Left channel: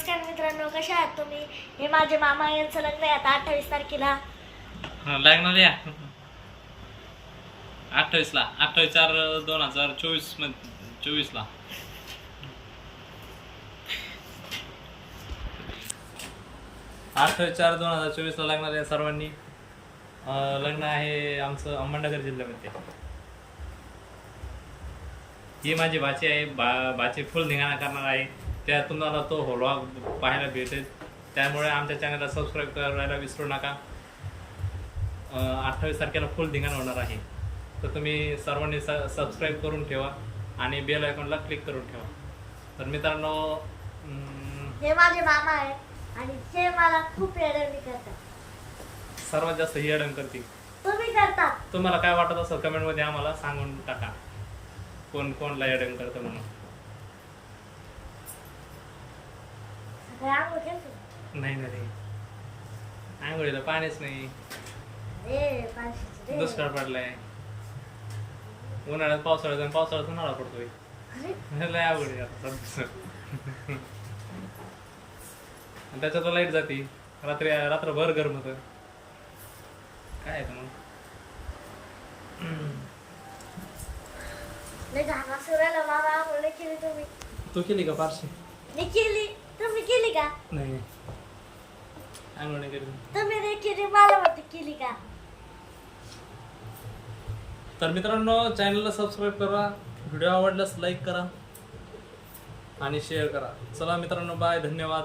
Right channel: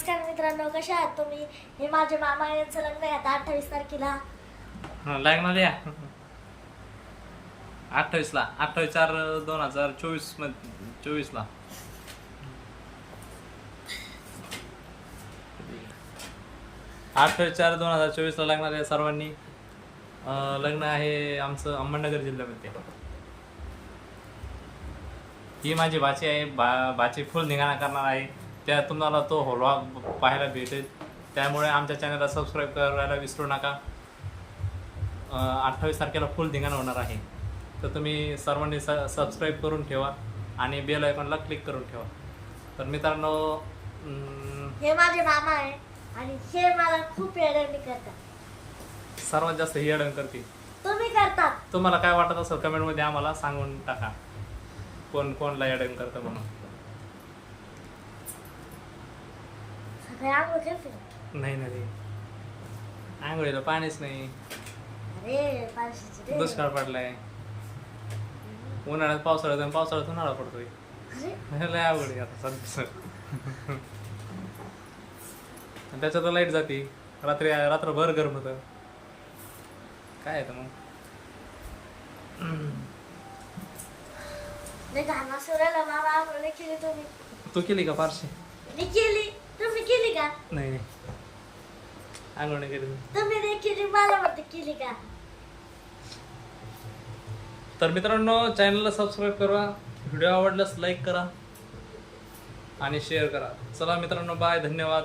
नमस्कार मित्रांनो कशा आहात तुम्ही? हे माझे मामा यांचं लग्न आहे आता अठ्ठावीस तारखेला. हा, लागणार या. अठ्ठावीस ला अठ्ठावीस चार दोन हजार चोवीसमध्ये चोवीस ला. अठ्ठावीस चार दोन हजार चोवीस ला लागणार आहे सर्वांनी. अं, लग्न आहे आमचं अहमदनगर जिल्ह्यामध्ये. ही माझी भाची आहे बा भाची फुल निघाणा करणार आहे. त्या तुम्हाला तो होलवा पाहायला भेटेल. त्यामुळे आमच्या चॅनलला सबस्क्राईब करायला विसरू नका. अठ्ठावीस तारखेला फुल धिंगाण होणार आहे. तर तुम्ही सर्वांनी स सबस्क्राईब करून ठेवा आणि बेल आयकॉनला क्लिक करून ठेवा. तर मित्रांनो हे माझे मामा आहे आणि हे मला खूप येडवणी करतात. सर्वात जास्त ही अडण करते तुम्ही करतात. तुम्हाला काय वाटत असेल कमेंटमध्ये आम्हाला सांगून टाका. कोण कोणला अडण करतं म्हणून? सगळे आंघोळ केलते का? नाही ना रे. आंघोळीला पाणीच नाही. अरे रे. दुष्काळ पडलाय. उन्हाळ्यात पावसाळ्यात आणि पावसाळ्यात उन्हाळा पडतोय. अरे. लय अवघड आहे आता सध्या. आणि त्याच्यात लाइट जाते. रात्री रात्रभर गरम होतं काय आहे मग? लय मामा आंघोळ नाही केली तुम्ही. तू केली का पारशी? मी केली तुम्ही केली. का? नाही नाही. आंघोळ नाही केली मी. तुम्ही नाही केली मला वाटतं केली का? तर मित्रांनो चॅनलला सबस्क्राईब करा व्हिडिओ आवडल्यास लाईक करा आणि शेअर करा. चला मित्रांनो बाय धन्यवाद.